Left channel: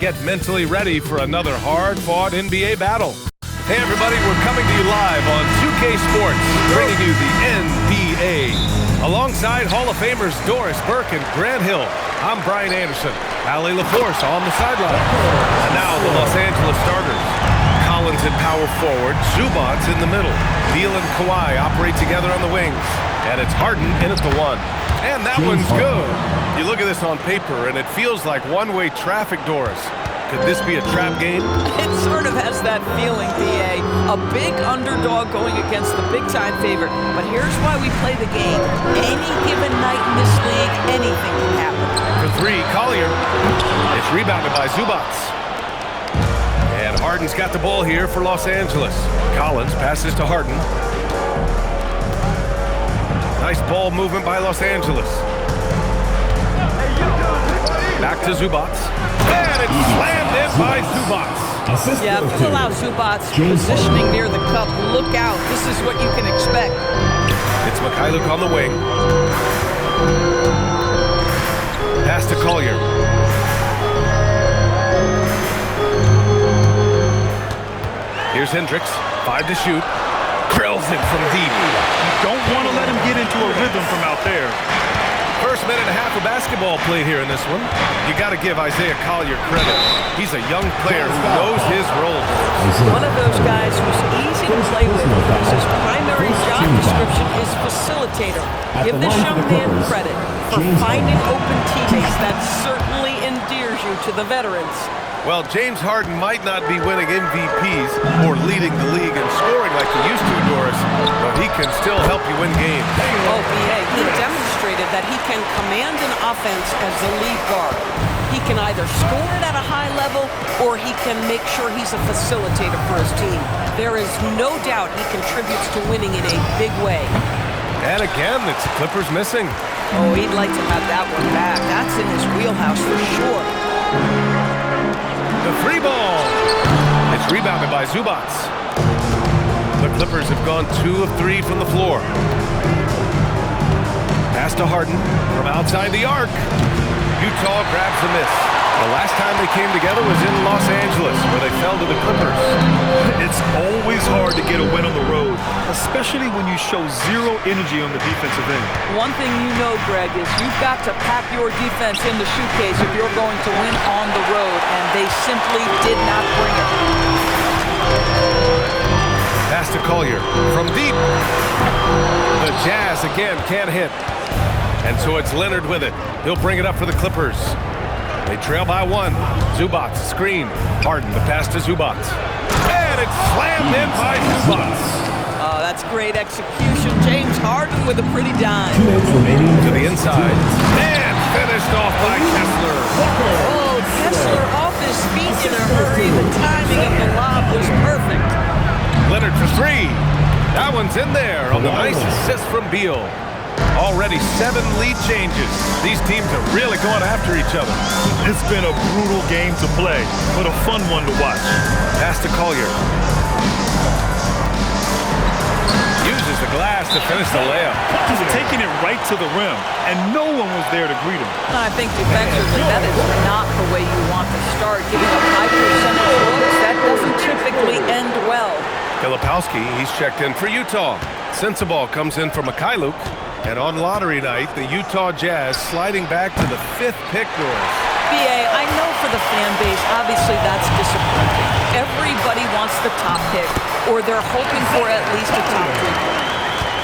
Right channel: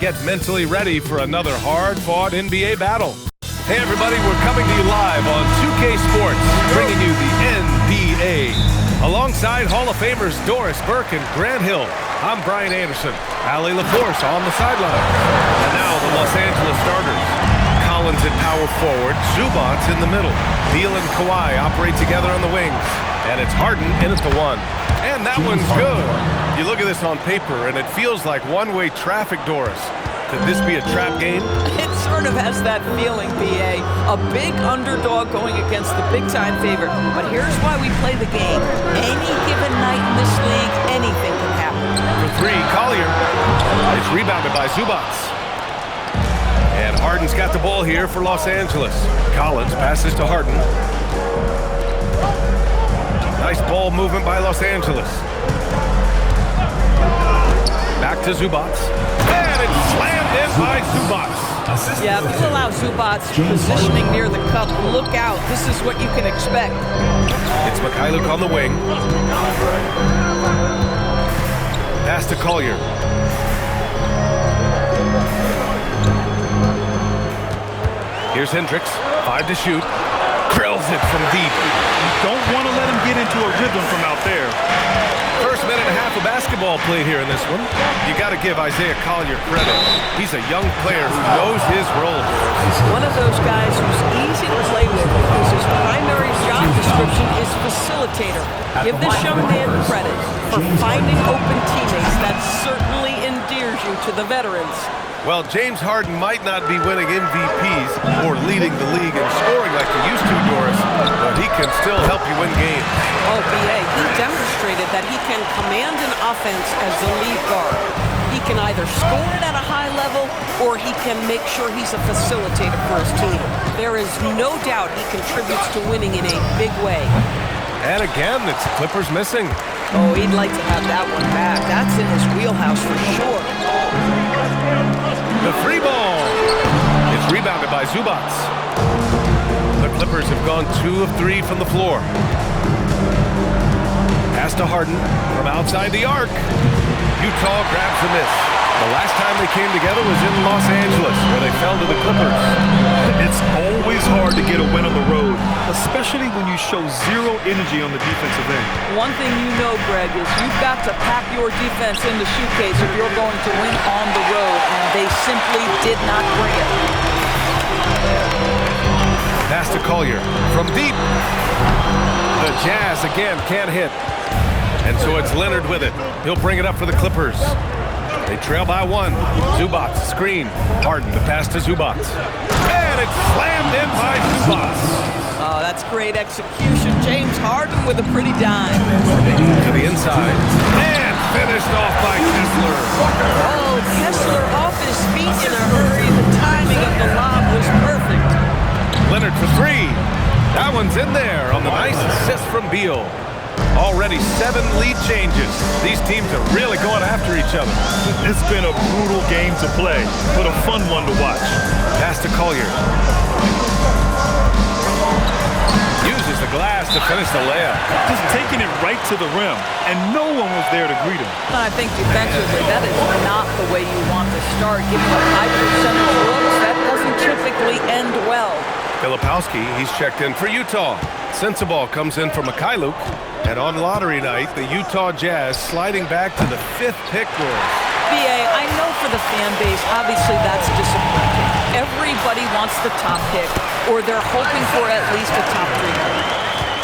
Get mentally ready for another hard-fought NBA battle. Hey everybody, we're coming to you live on 2K Sports, bringing you the NBA. Alongside Hall of Famers Doris Burke and Grant Hill, I'm Brian Anderson. Allie LaForce on the sidelines. And now the Los Angeles starters. Collins at power forward, Zubac in the middle. Beal and Kawhi operate together on the wings. And it's Harden in at the one. And that one's good. You look at this on paper, and it feels like one-way traffic, Doris. Could this be a trap game? It sort of has that feeling, B.A. A big underdog going against the big-time favorite. But here's why we play the game. Any given night in this league, anything can happen. For three, Collier. It's rebounded by Zubac. And Harden's got the ball here for Los Angeles. Collins passes to Harden. Nice ball movement by Los Angeles. Back to Zubac. And it's slammed in by Zubac. Yeah, if you allow Zubac positioning near the cup, look out. This is what you can expect. It's Mikhailuk on the wing. Pass to Collier. Here's Hendricks. 5 to shoot. Drills it from deep. You don't want to let him get into a rhythm from out there. First minute and a half of basketball played here in this one. You got to give Isaiah Collier credit. He's a young player who knows his role. One of those guys who's easy to play with because his primary job description is facilitator. Give this young man credit for finding open teammates. That certainly endears you to the veterans. Well, James Harden might not be winning MVPs or leading the league in scoring like he used to, Doris, but he can still help you win games. Oh, B.A., he demonstrated that he can command an offense as the lead guard. He can either score it at a high level or he can make sure he's a facilitator for his team. There is no doubt he contributes to winning in a big way. And again, it's the Clippers missing. Oh, he'd like to have that one back. That's in his wheelhouse for sure. The free ball. It's rebounded by Zubac. The Clippers have gone 2 of 3 from the floor. Pass to Harden from outside the arc. Utah grabs the miss. The last time they came together was in Los Angeles, where they fell to the Clippers. It's always hard to get a win on the road, especially when you show zero energy on the defensive end. One thing you know, Greg, is you've got to pack your defense in the suitcase if you're going to win on the road, and they simply did not bring it. Pass to Collier from deep. The Jazz again can't hit. And so it's Leonard with it. He'll bring it up for the Clippers. They trail by 1. Zubac screen. Harden to pass to Zubac. And it's slammed in by Zubac. Oh, that's great execution. James Harden with a pretty dime. To the inside. And finished off by Kessler. Oh, Kessler off his feet in a hurry. The timing of the lob was perfect. Leonard for 3. That one's in there on the nice assist from Beal. Already 7 lead changes. These teams are really going after each other. It's been a brutal game to play, but a fun one to watch. Pass to Collier. Uses the glass to finish the layup. Just taking it right to the rim, and no one was there to greet him. I think defensively, that is not the way you want to start. Giving up high percentage looks, that doesn't typically end well. Filipowski, he's checked in for Utah. Sensabaugh comes in for Mikhailuk. And on lottery night, the Utah Jazz sliding back to the 5th pick, Doris. B.A., I know for the fan base, obviously that's disappointing. Everybody wants the top pick, or they're hoping for at least a top 3 pick.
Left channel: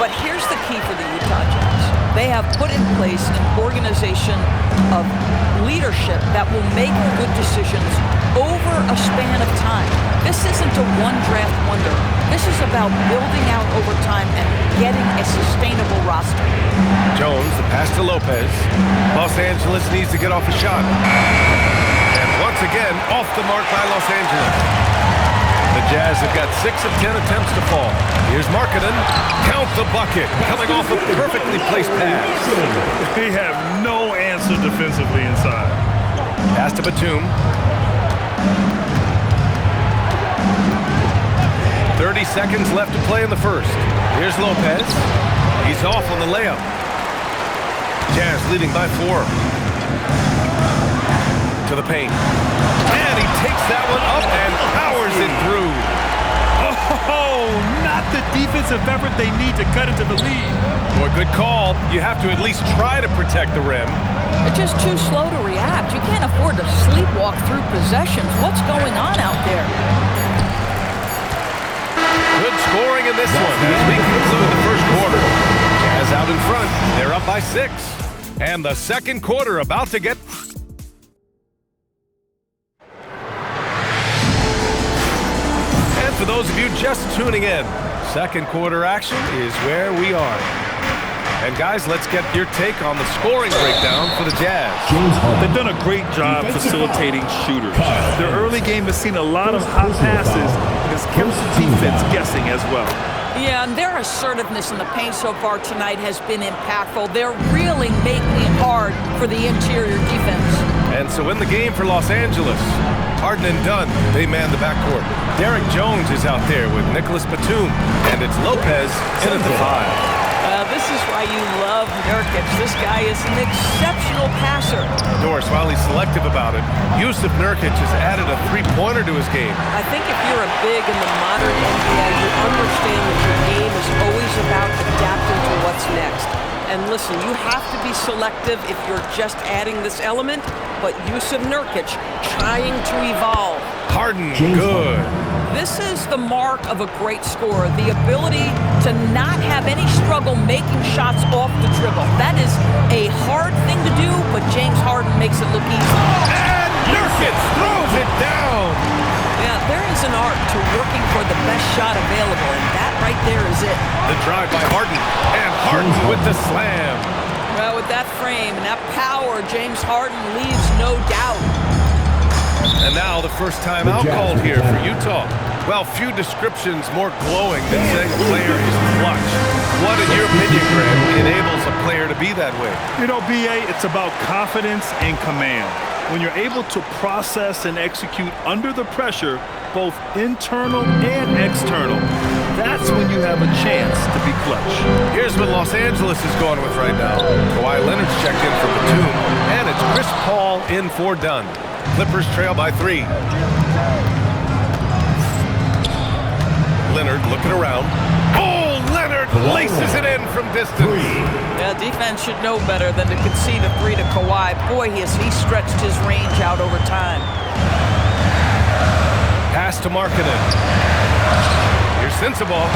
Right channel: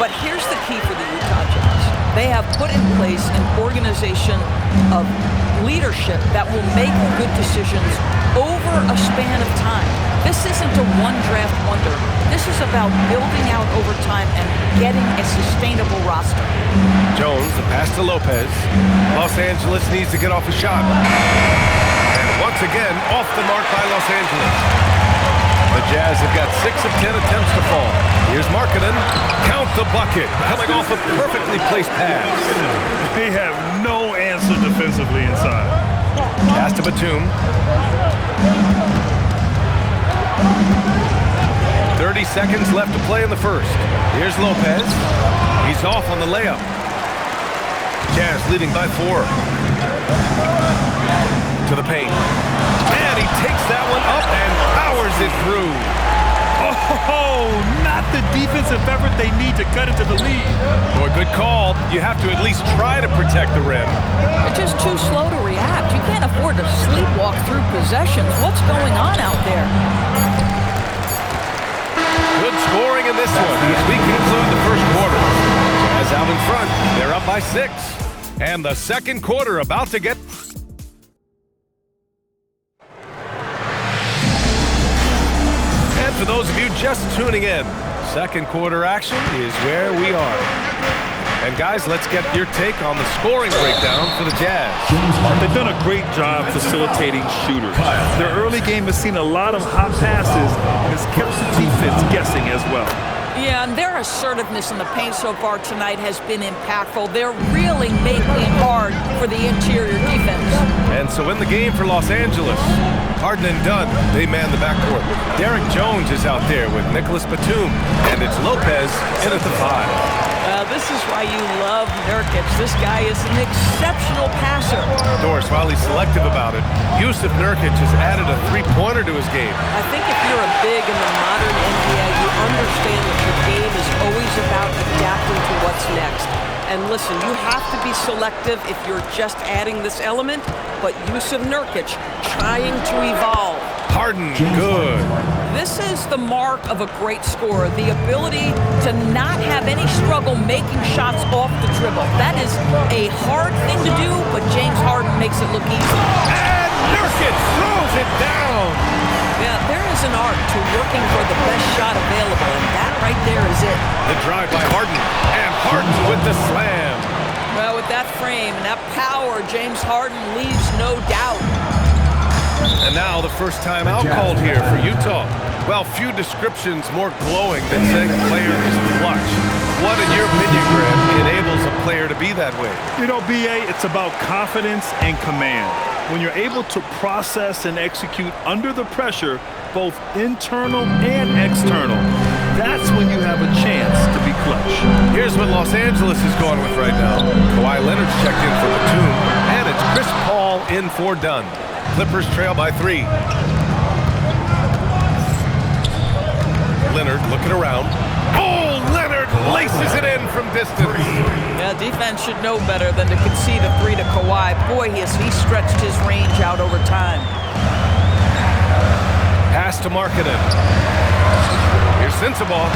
But here's the key for the Utah Jazz. They have put in place an organization of leadership that will make good decisions over a span of time. This isn't a one-draft wonder. This is about building out over time and getting a sustainable roster. Jones, the pass to Lopez. Los Angeles needs to get off a shot. And once again, off the mark by Los Angeles. The Jazz have got 6 of 10 attempts to fall. Here's Markkanen. Count the bucket. Coming off a perfectly placed pass. They have no answer defensively inside. Pass to Batum. 30 seconds left to play in the first. Here's Lopez. He's off on the layup. Jazz leading by 4. To the paint. And up and powers it through. Oh, not the defensive effort they need to cut into the lead. Boy, good call. You have to at least try to protect the rim. They're just too slow to react. You can't afford to sleepwalk through possessions. What's going on out there? Good scoring in this one as we conclude the first quarter. Jazz out in front. They're up by 6. And the second quarter about to get... And for those of you just tuning in, second quarter action is where we are. And guys, let's get your take on the scoring breakdown for the Jazz. They've done a great job facilitating shooters. Their early game has seen a lot of hot passes and has kept the defense guessing as well. Yeah, and their assertiveness in the paint so far tonight has been impactful. They're really making it hard for the interior defense. And so in the game for Los Angeles, Harden and Dunn, they man the backcourt. Derek Jones is out there with Nicholas Batum, and it's Lopez in at the 5. This is why you love Nurkic. This guy is an exceptional passer. Doris, while he's selective about it, Jusuf Nurkic has added a three-pointer to his game. I think if you're a big in the modern NBA, you understand that your game is always about adapting to what's next. And listen, you have to be selective if you're just adding this element, but Jusuf Nurkic trying to evolve. Harden, good. This is the mark of a great scorer, the ability to not have any struggle making shots off the dribble. That is a hard thing to do, but James Harden makes it look easy. And Nurkic throws it down. Yeah, there is an art to working for the best shot available, and that right there is it. The drive by Harden, and Harden with the slam. Well, with that frame and that power, James Harden leaves no doubt. And now the first time out called here for Utah. Well, few descriptions more glowing than saying a player is clutch. What, in your opinion, Graham, enables a player to be that way? You know, B.A., it's about confidence and command. When you're able to process and execute under the pressure, both internal and external, that's when you have a chance to be clutch. Here's what Los Angeles is going with right now. Kawhi Leonard's checked in for Batum, and it's Chris Paul in for Dunn. Clippers trail by 3. Leonard looking around. Oh, Leonard laces it in from distance. Yeah, defense should know better than to concede a 3 to Kawhi. Boy, he stretched his range out over time. Pass to Markkanen. Here's Sensabaugh.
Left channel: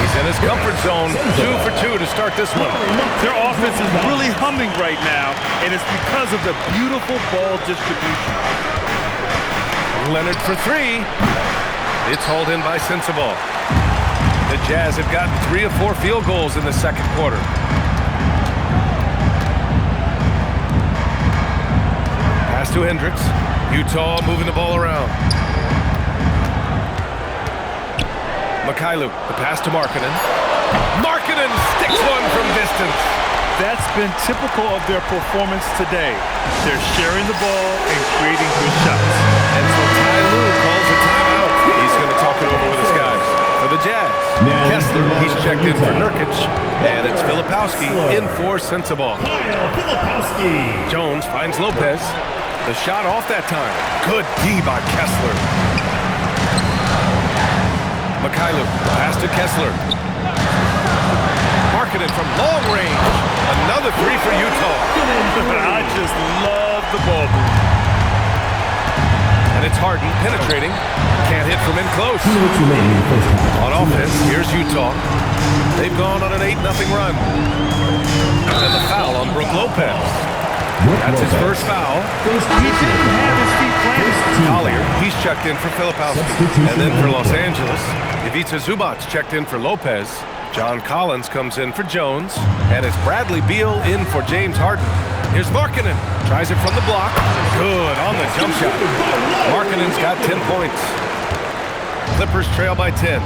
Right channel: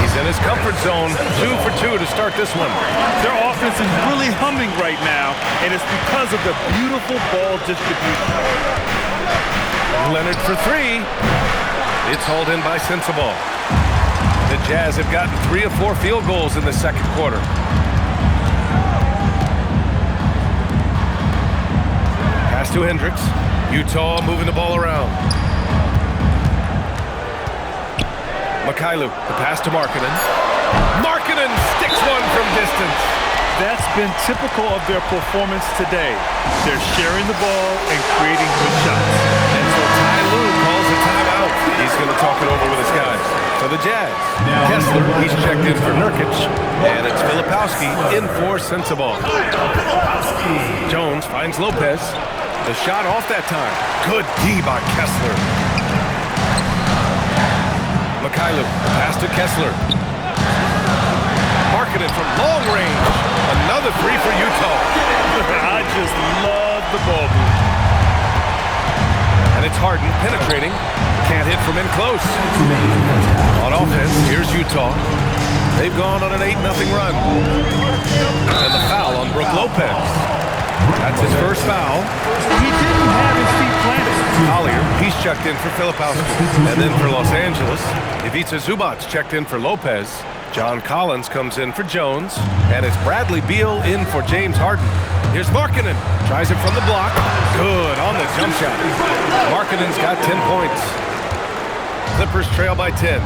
He's in his comfort zone. 2 for 2 to start this one. Their offense is really humming right now, and it's because of the beautiful ball distribution. Leonard for 3. It's hauled in by Sensabaugh. The Jazz have gotten 3 of 4 field goals in the second quarter. Pass to Hendricks. Utah moving the ball around. Mikhailuk, the pass to Markkanen. Markkanen sticks one from distance. That's been typical of their performance today. They're sharing the ball and creating good shots. And so Ty Lue calls a timeout. He's going to talk it over with his guys. For the Jazz, Kessler, he's checked in for Nurkic, and it's Filipowski in for Sensabaugh. Jones finds Lopez. The shot off that time. Good D by Kessler. Mikhailuk, pass to Kessler. Markkanen from long range. Another 3 for Utah. I just love the ball move. And it's Harden penetrating. Can't hit from in close. On offense, here's Utah. They've gone on an 8-0 run. And the foul on Brook Lopez. That's his first foul. He didn't have his feet planted. Collier, he's checked in for Filipowski. And then for Los Angeles, Ivica Zubac's checked in for Lopez. John Collins comes in for Jones. And it's Bradley Beal in for James Harden. Here's Markkanen. Tries it from the block. Good on the jump shot. Markkanen's got 10 points. Clippers trail by 10.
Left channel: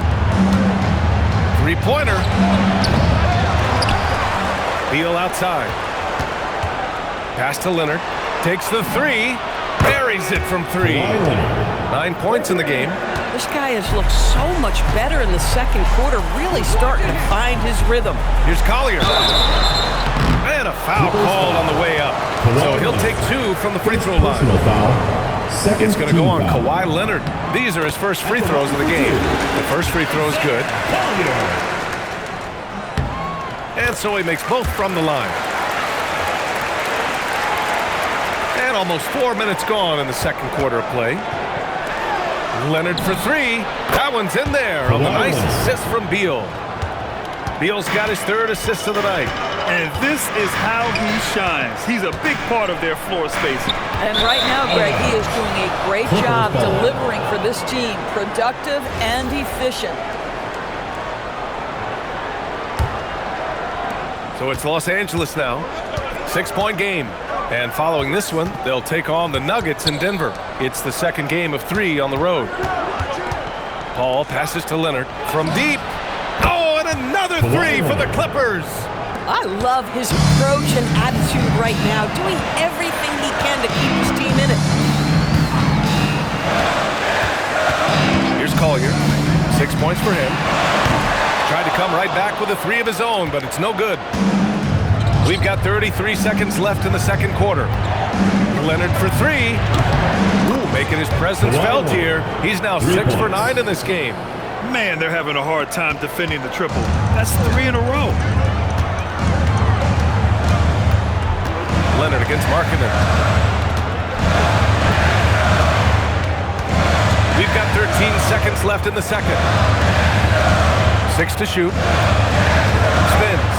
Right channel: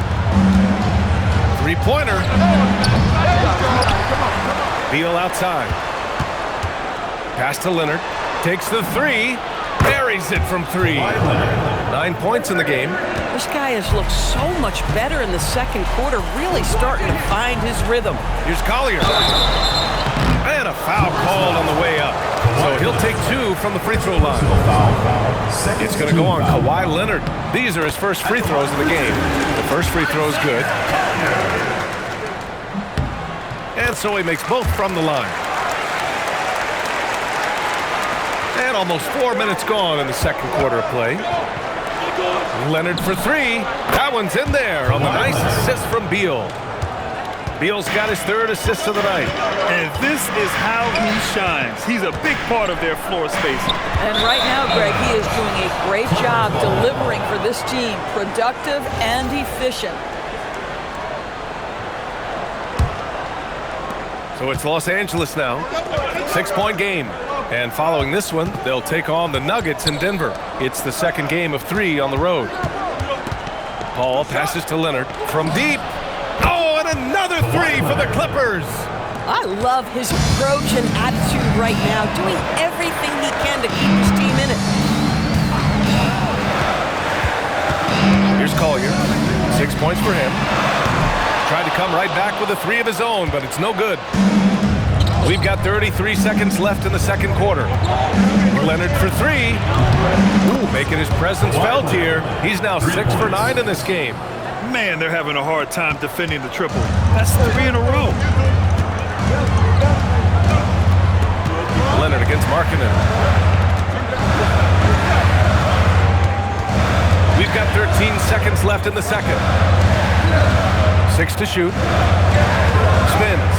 Three-pointer. Beal outside. Pass to Leonard. Takes the 3. Buries it from 3. 9 points in the game. This guy has looked so much better in the second quarter, really starting to find his rhythm. Here's Collier. And a foul called on the way up. So he'll take 2 from the free throw line. It's going to go on Kawhi Leonard. These are his first free throws of the game. The first free throw is good. And so he makes both from the line. And almost 4 minutes gone in the second quarter of play. Leonard for 3. That one's in there on the nice assist from Beal. Beal's got his 3rd assist of the night. And this is how he shines. He's a big part of their floor spacing. And right now, Greg, he is doing a great job delivering for this team. Productive and efficient. So it's Los Angeles now. 6-point game. And following this one, they'll take on the Nuggets in Denver. It's the second game of 3 on the road. Paul passes to Leonard from deep. Oh, and another 3 for the Clippers. I love his approach and attitude right now, doing everything he can to keep his team in it. Here's Collier. 6 points for him. Tried to come right back with a 3 of his own, but it's no good. We've got 33 seconds left in the second quarter. Leonard for 3. Ooh, making his presence felt here. He's now 6 for 9 in this game. Man, they're having a hard time defending the triple. That's 3 in a row. Leonard against Markkanen. We've got 13 seconds left in the second. 6 to shoot. Spins.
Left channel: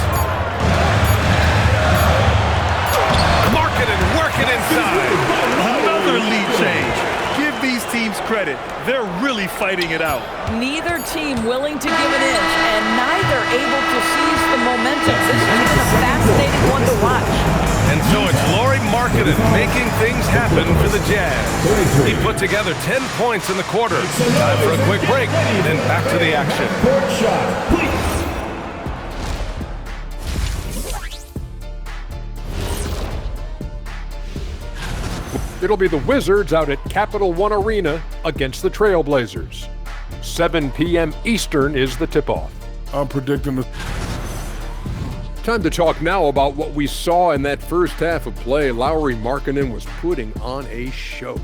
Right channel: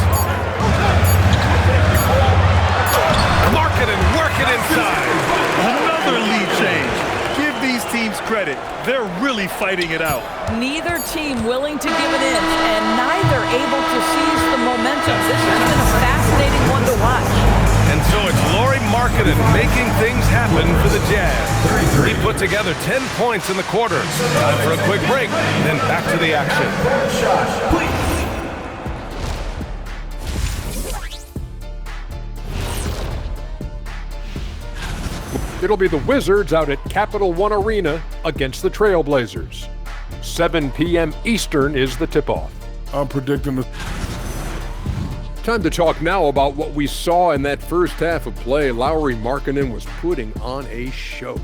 Markkanen working inside. Another lead change. Give these teams credit. They're really fighting it out. Neither team willing to give an inch, and neither able to seize the momentum. This has been a fascinating one to watch. And so it's Lauri Markkanen making things happen for the Jazz. He put together 10 points in the quarter. Time for a quick break, then back to the action. It'll be the Wizards out at Capital One Arena against the Trailblazers. 7 p.m. Eastern is the tip-off. I'm predicting the... Time to talk now about what we saw in that first half of play. Lauri Markkanen was putting on a show.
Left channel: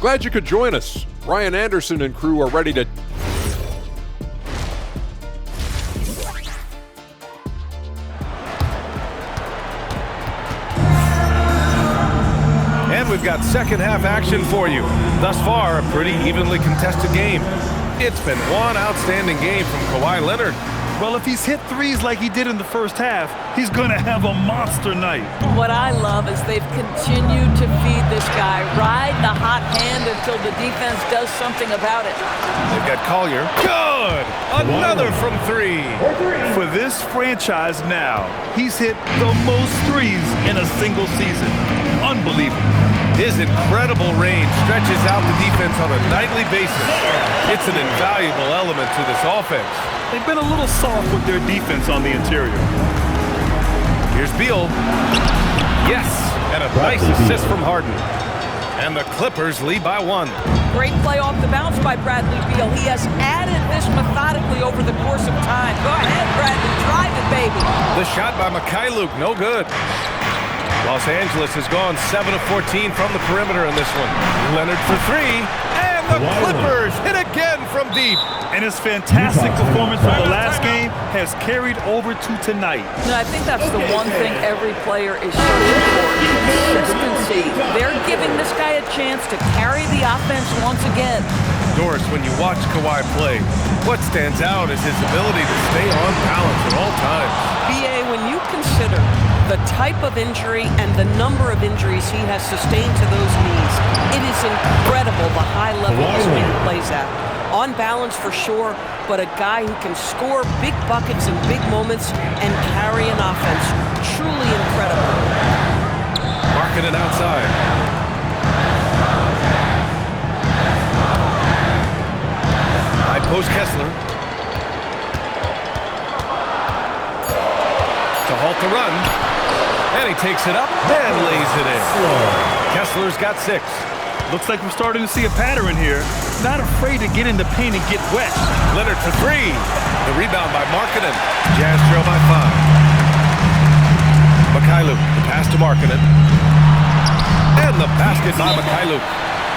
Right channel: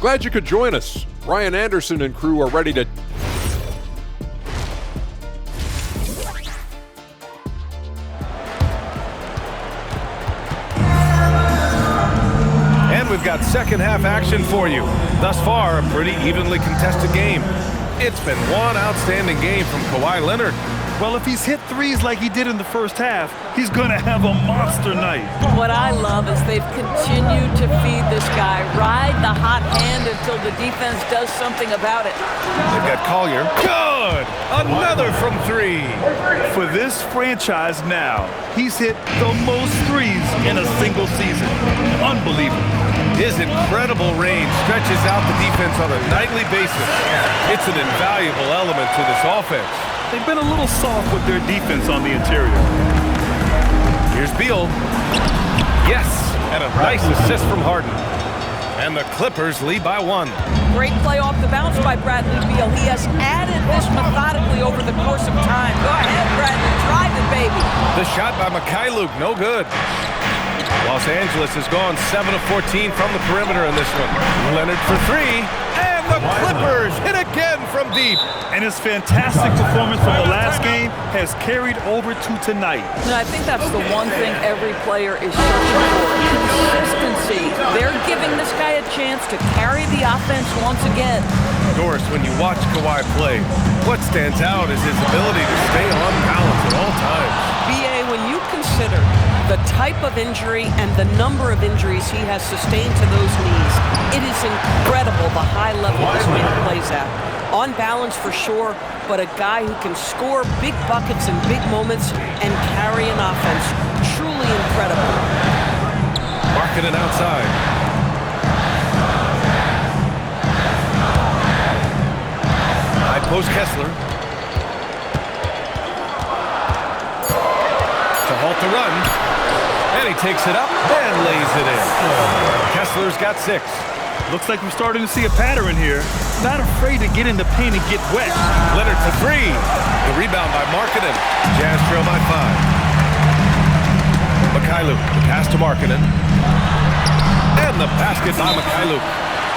Glad you could join us. Ryan Anderson and crew are ready to... And we've got second half action for you. Thus far, a pretty evenly contested game. It's been one outstanding game from Kawhi Leonard. Well, if he's hit 3s like he did in the first half, he's going to have a monster night. What I love is they've continued to feed this guy, ride the hot hand until the defense does something about it. They've got Collier. Good! Another from 3. For this franchise now, he's hit the most 3s in a single season. Unbelievable. His incredible range stretches out the defense on a nightly basis. It's an invaluable element to this offense. They've been a little soft with their defense on the interior. Here's Beal. Yes, and a nice assist from Harden. And the Clippers lead by 1. Great play off the bounce by Bradley Beal. He has added this methodically over the course of time. Go ahead, Bradley, drive it, baby. The shot by Mikhailuk, no good. Los Angeles has gone 7 of 14 from the perimeter in this one. Leonard for 3, and the Clippers hit again from deep. And his fantastic performance from the last game has carried over to tonight. And I think that's the one thing every player is searching for, consistency. They're giving this guy a chance to carry the offense once again. Doris, when you watch Kawhi play, what stands out is his ability to stay on balance at all times. B.A., when you consider the type of injury and the number of injuries he has sustained to those knees, it is incredible the high level this man plays at. On balance for sure, but a guy who can score big buckets in big moments and carry an offense. Truly incredible. Markkanen outside. High post Kessler. To halt the run. And he takes it up and lays it in. Kessler's got 6. Looks like we're starting to see a pattern here. Not afraid to get in the paint and get wet. Leonard for 3. The rebound by Markkanen. Jazz trail by 5. Mikhailuk, the pass to Markkanen. And the basket by Mikhailuk.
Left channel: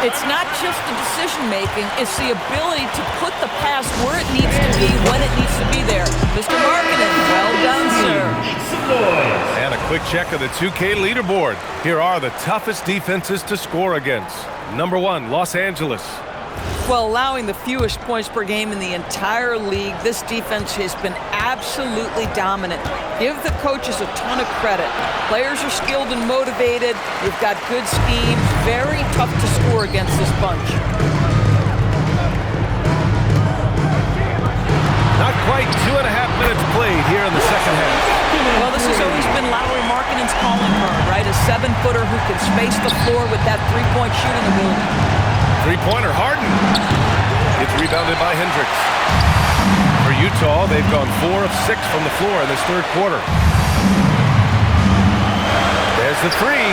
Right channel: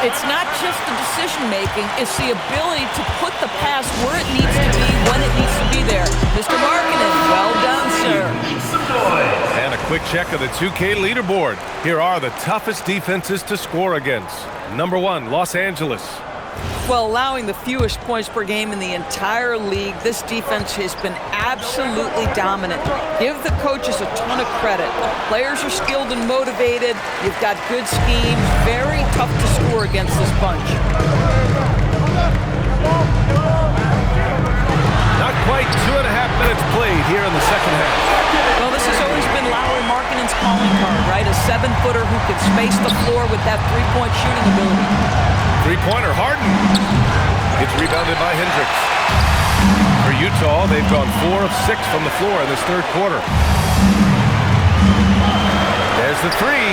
It's not just the decision-making, it's the ability to put the pass where it needs to be, when it needs to be there. Mr. Markkanen, well done, sir. And a quick check of the 2K leaderboard. Here are the toughest defenses to score against. Number 1, Los Angeles. Well, allowing the fewest points per game in the entire league, this defense has been absolutely dominant. Give the coaches a ton of credit. Players are skilled and motivated. You've got good schemes. Very tough to score against this bunch. Not quite 2.5 minutes played here in the second half. Well, this has always been Lauri Markkanen's calling card, right? A 7-footer who can space the floor with that three-point shooting ability. Three-pointer, Harden. It's rebounded by Hendricks. For Utah, they've gone 4 of 6 from the floor in this third quarter. There's the three.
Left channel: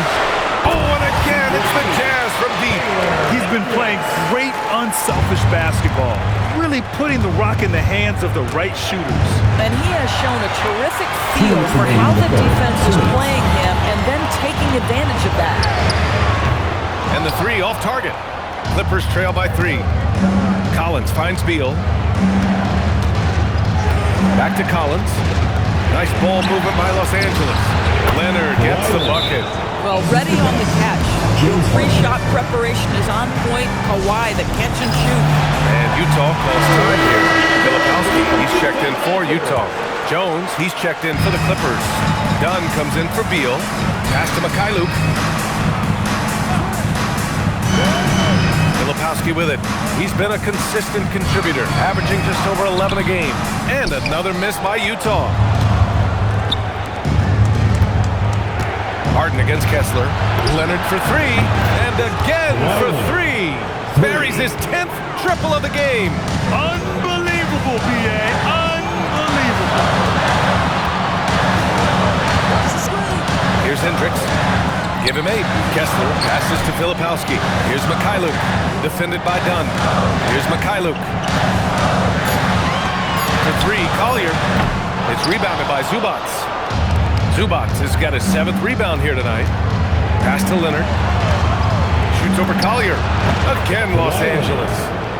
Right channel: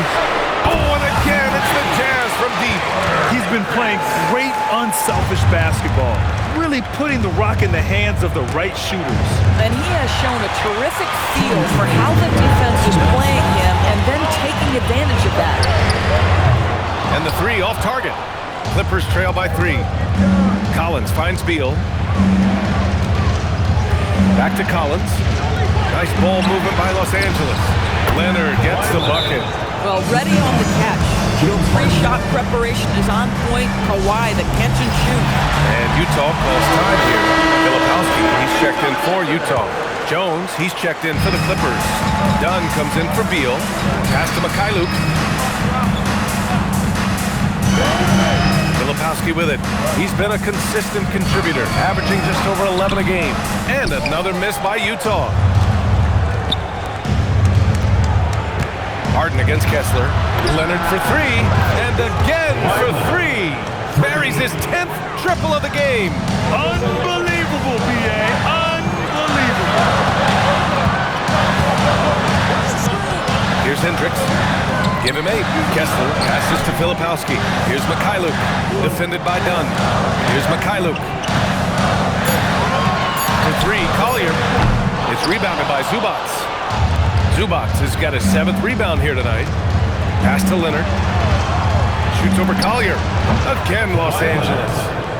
Oh, and again, it's the Jazz from deep. He's been playing great unselfish basketball, really putting the rock in the hands of the right shooters. And he has shown a terrific feel for how the defense is playing him and then taking advantage of that. And the three off target. Clippers trail by 3. Collins finds Beal. Back to Collins. Nice ball movement by Los Angeles. Leonard gets the bucket. Well, ready on the catch. Your pre-shot preparation is on point. Kawhi, the catch and shoot. And Utah calls time here. Filipowski, he's checked in for Utah. Jones, he's checked in for the Clippers. Dunn comes in for Beal. Pass to Mikhailuk. Filipowski with it. He's been a consistent contributor, averaging just over 11 a game. And another miss by Utah. Harden against Kessler. Leonard for 3. And again for 3. Buries his 10th triple of the game. Unbelievable, B.A. Unbelievable. Here's Hendricks. Give him 8. Kessler passes to Filipowski. Here's Mikhailuk. Defended by Dunn. Here's Mikhailuk. For 3, Collier. It's rebounded by Zubac. Zubac has got his 7th rebound here tonight. Pass to Leonard. Shoots over Collier. Again, Los Angeles.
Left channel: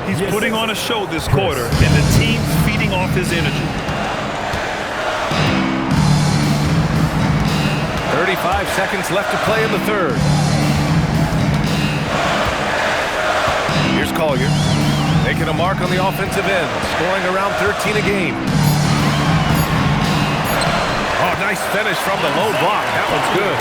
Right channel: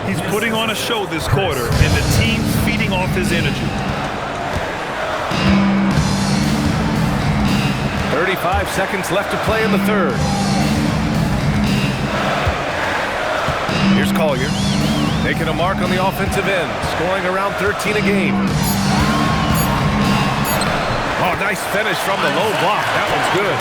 He's putting on a show this quarter, and the team's feeding off his energy. 35 seconds left to play in the third. Here's Collier, making a mark on the offensive end, scoring around 13 a game. Oh, nice finish from the low block. That one's good.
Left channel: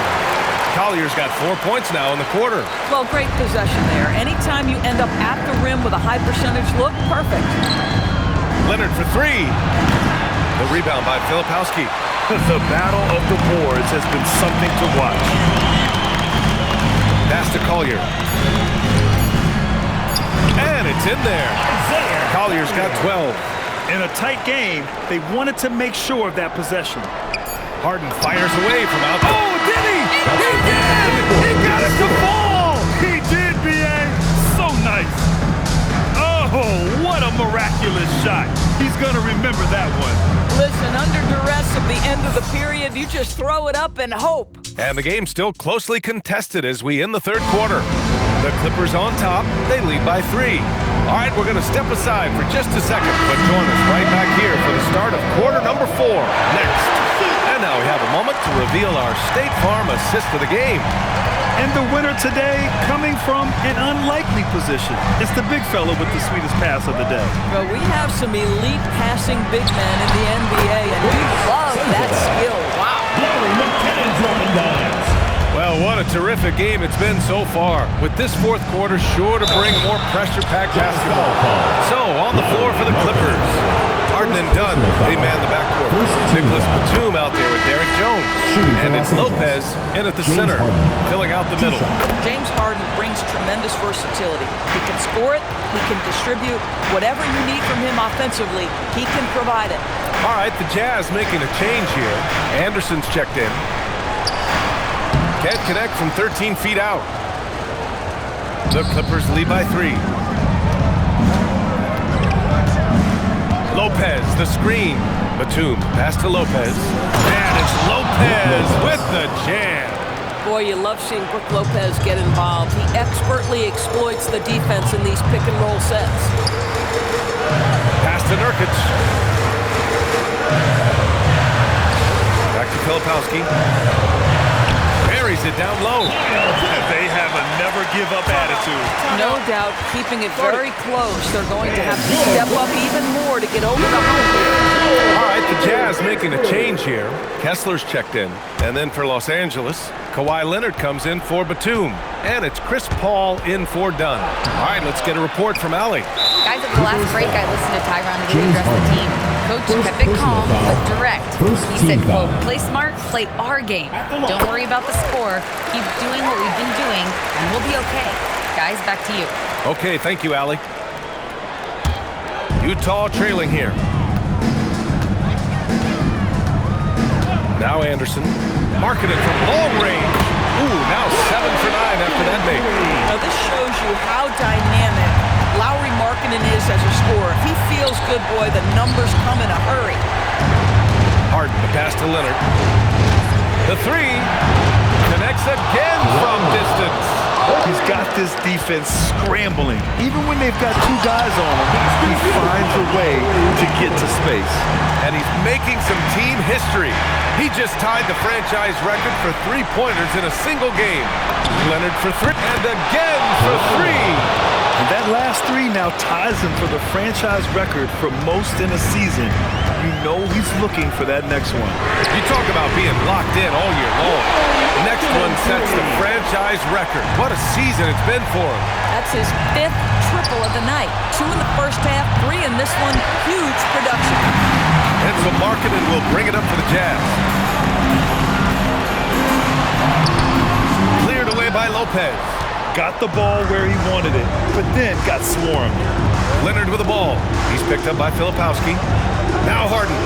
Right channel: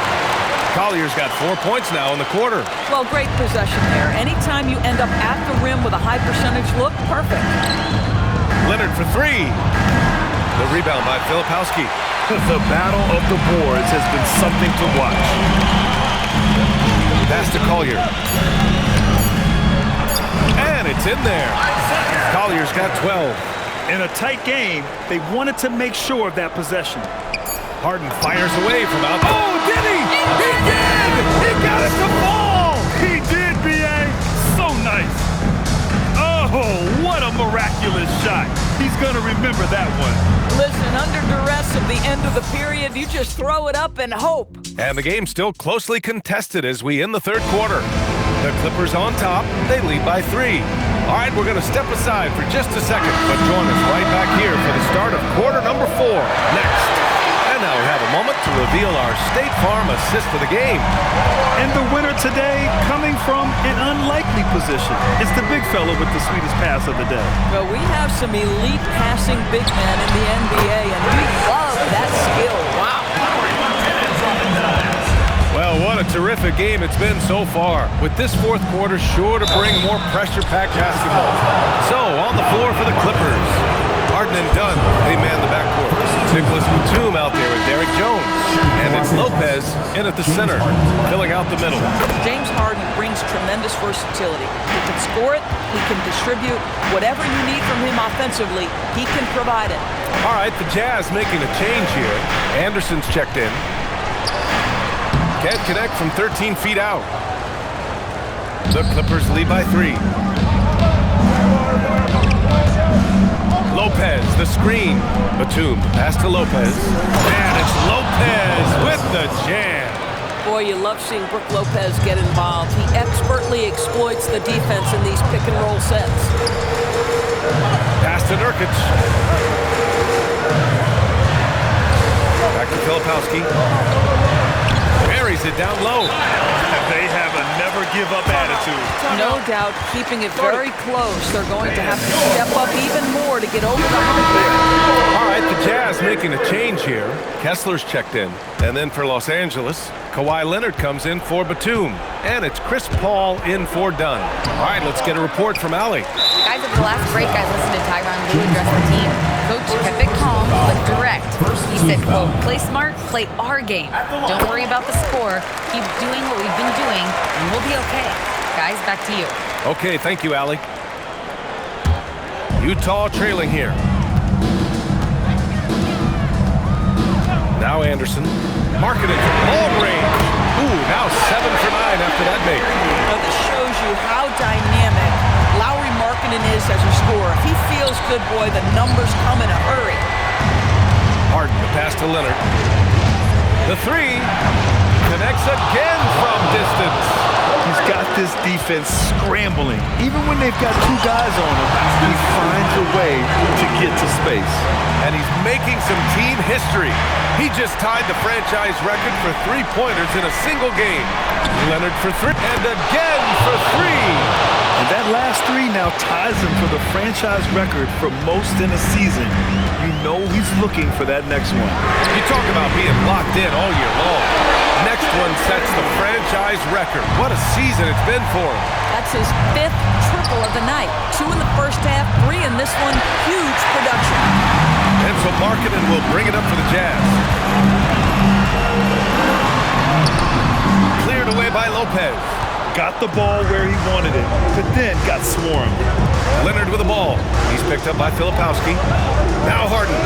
Collier's got 4 points now in the quarter. Well, great possession there. Anytime you end up at the rim with a high percentage look, perfect. Leonard for 3. The rebound by Filipowski. The battle of the boards has been something to watch. Pass to Collier. And it's in there. Collier's got 12. In a tight game, they wanted to make sure of that possession. Harden fires away from out. Oh, did he? He did! He got it to fall! He did, B.A. So nice. Oh, what a miraculous shot. He's going to remember that one. Listen, under duress of the end of the period, you just throw it up and hope. And the game's still closely contested as we end the third quarter. The Clippers on top. They lead by 3. All right, we're going to step aside for just a second, but join us right back here for the start of quarter number 4 next. And now we have a moment to reveal our State Farm assist of the game. And the winner today coming from an unlikely position. It's the big fella with the sweetest pass of the day. Well, we have some elite passing big men in the NBA, and we love that skill. Wow. Well, what a terrific game it's been so far, with this fourth quarter sure to bring more pressure-packed basketball. So, on the floor for the Clippers, Harden and Dunn, they man the backcourt. Nicholas Batum out there with Derrick Jones. And it's Lopez in at the center, filling out the middle. James Harden brings tremendous versatility. He can score it, he can distribute. Whatever you need from him offensively, he can provide it. All right, the Jazz making a change here. Anderson's checked in. Can't connect from 13 feet out. The Clippers lead by 3. Lopez, the screen. Batum, the pass to Lopez. And it's Lopez with the jam. Boy, you love seeing Brook Lopez get involved. He expertly exploits the defense in these pick-and-roll sets. Pass to Nurkic. Back to Filipowski. Buries it down low. They have a never-give-up attitude. No doubt, keeping it very close. They're going to have to step up even more to get over the hump here. All right, the Jazz making a change here. Kessler's checked in. And then for Los Angeles, Kawhi Leonard comes in for Batum. And it's Chris Paul in for Dunn. All right, let's get a report from Allie. Guys, at the last break, I listened to Tyronn Lue address the team. Coach kept it calm, but direct. He said, quote, play smart, play our game. Don't worry about the score. Keep doing what we've been doing, and we'll be okay. Guys, back to you. Okay, thank you, Allie. Utah trailing here. Now Anderson. Marketed from long range. Ooh, now 7 for 9 after that make. Now this shows you how dynamic Lauri Markkanen is as a scorer. If he feels good, boy, the numbers come in a hurry. Harden, the pass to Leonard. The three connects again from distance. He's got this defense scrambling. Even when they've got two guys on him, he finds a way to get to space. And he's making some team history. He just tied the franchise record for three-pointers in a single game. Leonard for three, and again for three. And that last three now ties him for the franchise record for most in a season. You know he's looking for that next one. You talk about being locked in all year long. Next one sets the franchise record. What a season it's been for him. That's his 5th triple of the night. 2 in the first half, 3 in this one. Huge production. And so Markkanen will bring it up for the Jazz. Cleared away by Lopez. Got the ball where he wanted it, but then got swarmed. Leonard with the ball. He's picked up by Filipowski. Now Harden.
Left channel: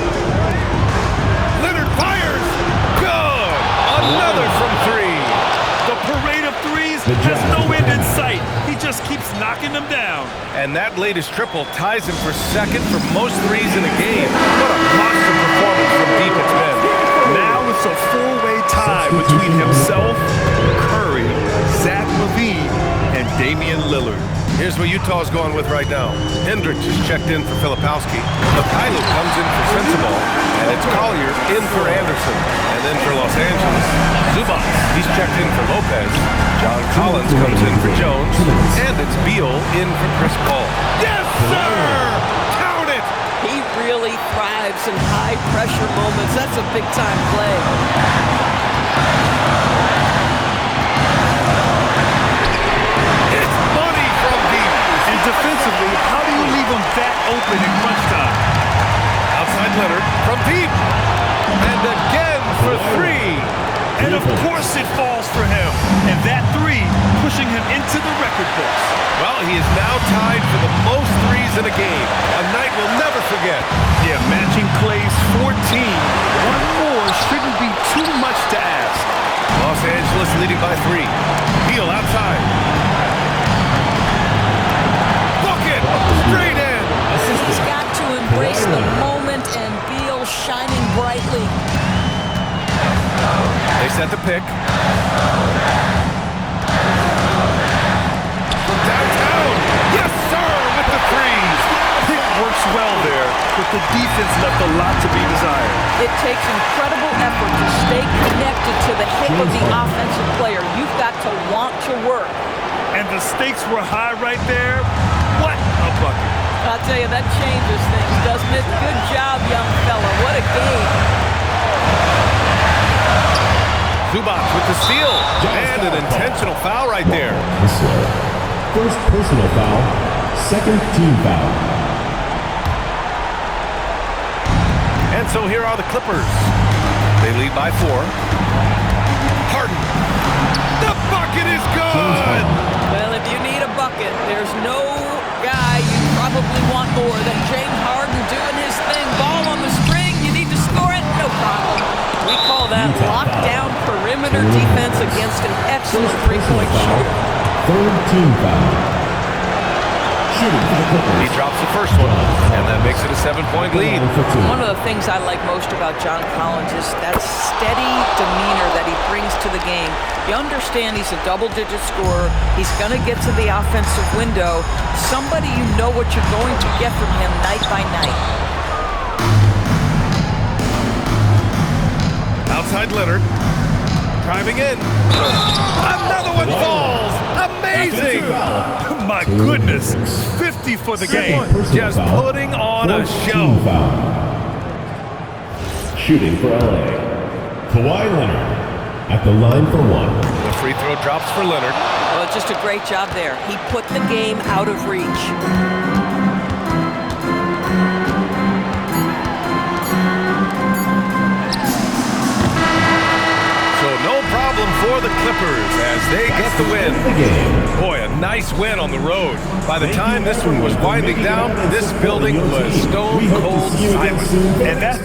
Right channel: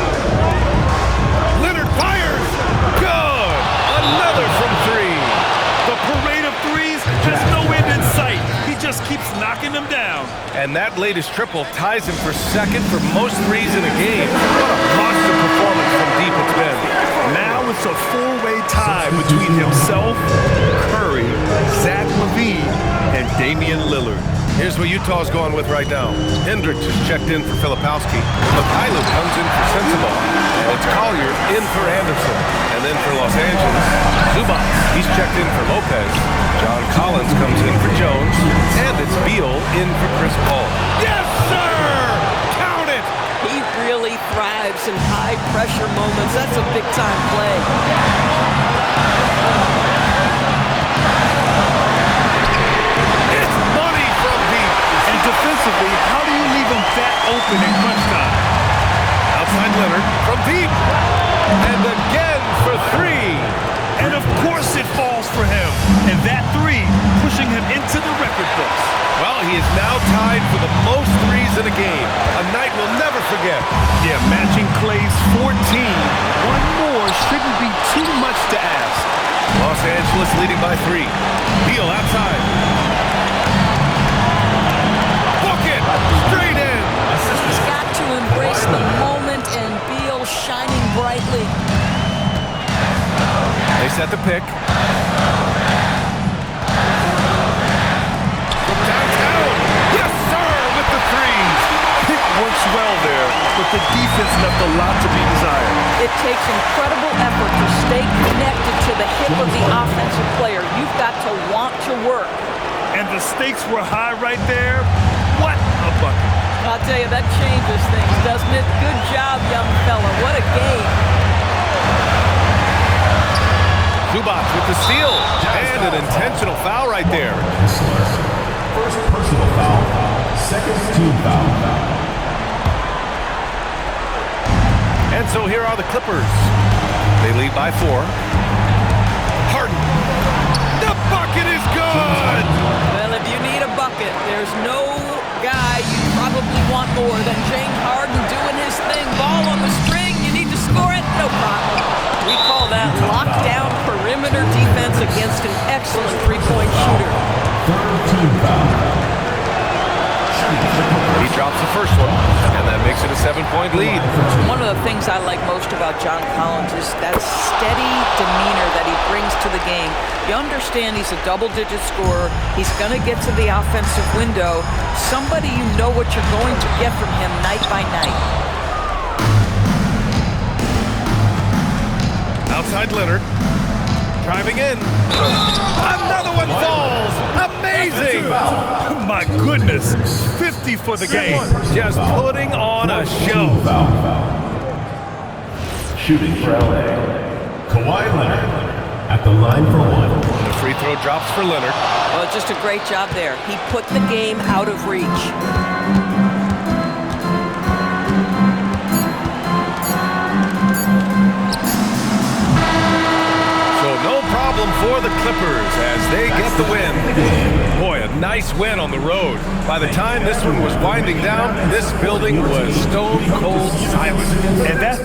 Leonard fires. Good. Another from 3. The parade of threes has no end in sight. He just keeps knocking them down. And that latest triple ties him for second for most threes in a game. What a monster performance from deep it's been. Now it's a four-way tie between himself, Curry, Zach LaVine, and Damian Lillard. Here's what Utah's going with right now. Hendricks is checked in for Filipowski. Mikhailo comes in for Sensabaugh. And it's Collier in for Anderson. And then for Los Angeles, Zubac. He's checked in for Lopez. John Collins comes in for Jones. And it's Beal in for Chris Paul. Yes, sir! Count it! He really thrives in high-pressure moments. That's a big-time play. It's money from deep. And defensively, how do you leave him that open in crunch time? Outside Leonard from deep. And again for 3. And of course it falls for him. And that 3 pushing him into the record books. Well, he is now tied for the most threes in a game. A night we'll never forget. Yeah, matching Clay's 14. One more shouldn't be too much to ask. Los Angeles leading by 3. Beal outside. Bucket! Straight in! He's got to embrace the moment, and Beal shining brightly. They set the pick. From downtown. Yes, sir, with the 3s. Pick works well there, but the defense left a lot to be desired. It takes incredible effort to stay connected to the hip of the offensive player. You've got to want to work. And the stakes were high right there. What a bucket. I'll tell you, that changes things, doesn't it? Good job, young fella. What a game. Zubac with the steal. And an intentional foul right there. First personal foul, second team foul. And so here are the Clippers. They lead by 4. Harden. The bucket is good! Well, if you need a bucket, there's no guy you probably want more than James Harden doing his thing. Ball on the string, you need to score it, no problem. We call that lockdown perimeter defense against an excellent three-point shooter. Third team foul. Shooting for the Clippers. He drops the first one, and that makes it a 7-point lead. One of the things I like most about John Collins is that steady demeanor that he brings to the game. You understand he's a double-digit scorer. He's going to get to the offensive window. Somebody you know what you're going to get from him night by night. Outside Leonard. Driving in. Another one falls. Amazing. My goodness. 50 for the game. Just putting on a show. Shooting for LA, Kawhi Leonard at the line for one. The free throw drops for Leonard. Well, just a great job there. He put the game out of reach. So no problem for the Clippers as they get the win. Boy, a nice win on the road. By the time this one was winding down, this building was stone cold silent. And that